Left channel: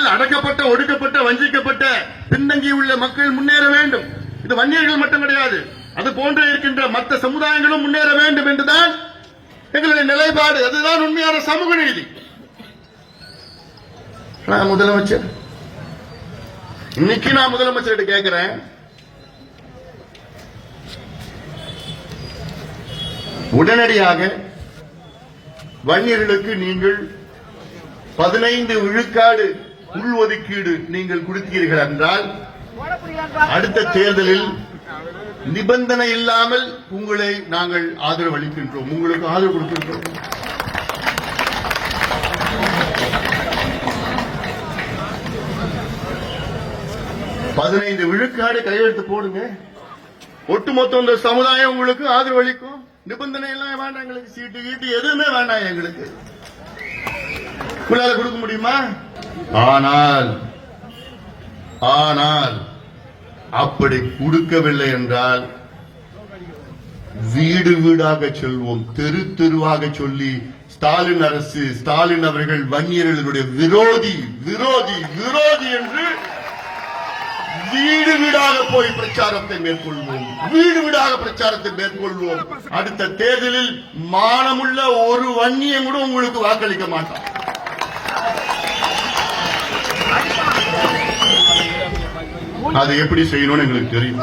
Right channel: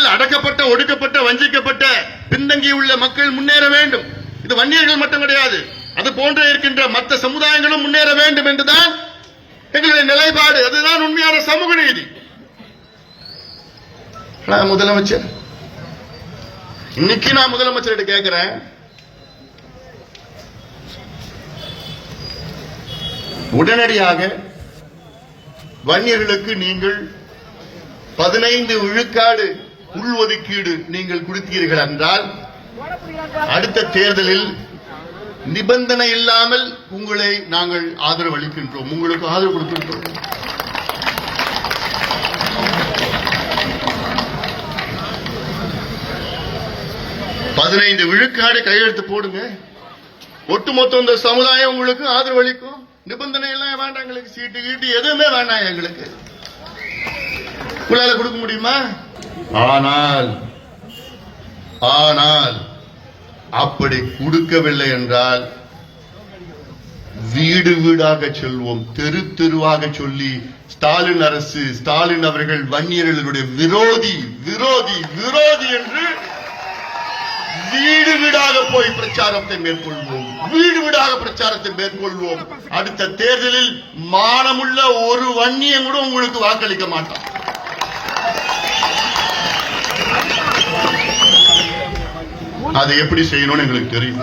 நாட்டில் அடக்கப்பட்ட, ஒடுக்கப்பட்ட, வஞ்சிக்கப்பட்ட, பின்தங்கியுள்ள மக்கள் முன்னேற வேண்டும். இது வன்னியர்கள் மட்டும் கிடையாது, அது போன்ற இருக்கின்ற மற்ற சமுதாயங்களும் முன்னேற வேண்டும் என்றுதான் எங்களுடைய நிலைப்பாடு. அதுதான் உண்மையான சமூக நீதி. முதலமைச்சர், இன்னைக்கு நான் முதலமைச்சர்கிட்ட கேட்கிறேன், உடனடியாக வன்னியர்களுக்கு நீங்கள் 15 விழுக்காடு உள்ஒதுக்கீடு நீங்கள் கொடுத்தீர்கள் என்றால் அடுத்த தேர்தலில் நிபந்தனை இல்லாமல் உங்களை நாங்கள் ஆதரவு அளிக்கின்றோம், உங்களுக்கு ஆதரவு கொடுத்திருக்கிறோம். பதினைந்து விழுக்காடு கையெழுத்து போடுங்க, ஒட்டுமொத்த இந்த சமுதாயம் உங்களுக்கு ஆதரவு அளிக்கும். நிபந்தனை எல்லாம் வேண்டாம், எங்களுக்கு சீட்டு கீட்டு எதுவுமே வேண்டாம், எங்களுக்கு உங்களால கொடுக்க முடியுமா? ஆனால் அப்படி கொடுக்கவில்லை என்றால் வீடு வீடாக செல்வோம், தெரு தெருவாக சொல்லி ஸ்டாலின் அரசு, ஸ்டாலின் அவர்கள் வன்னியர்களுடைய விரோதி விரோதி விரோதி என்று வீடு வீடாக போய் பிரச்சாரத்தை மேற்கொள்வோம், வீடு வீடாக பிரச்சாரத்தை மேற்கொள்வோம். அடுத்த தேர்தலில் மானமுள்ள ஒரு வன்னியன் கூட உங்களுக்கு வாக்களிக்க மாட்டான். அது எப்படி செய்யணும்னு எங்களுக்கு தெரியும்.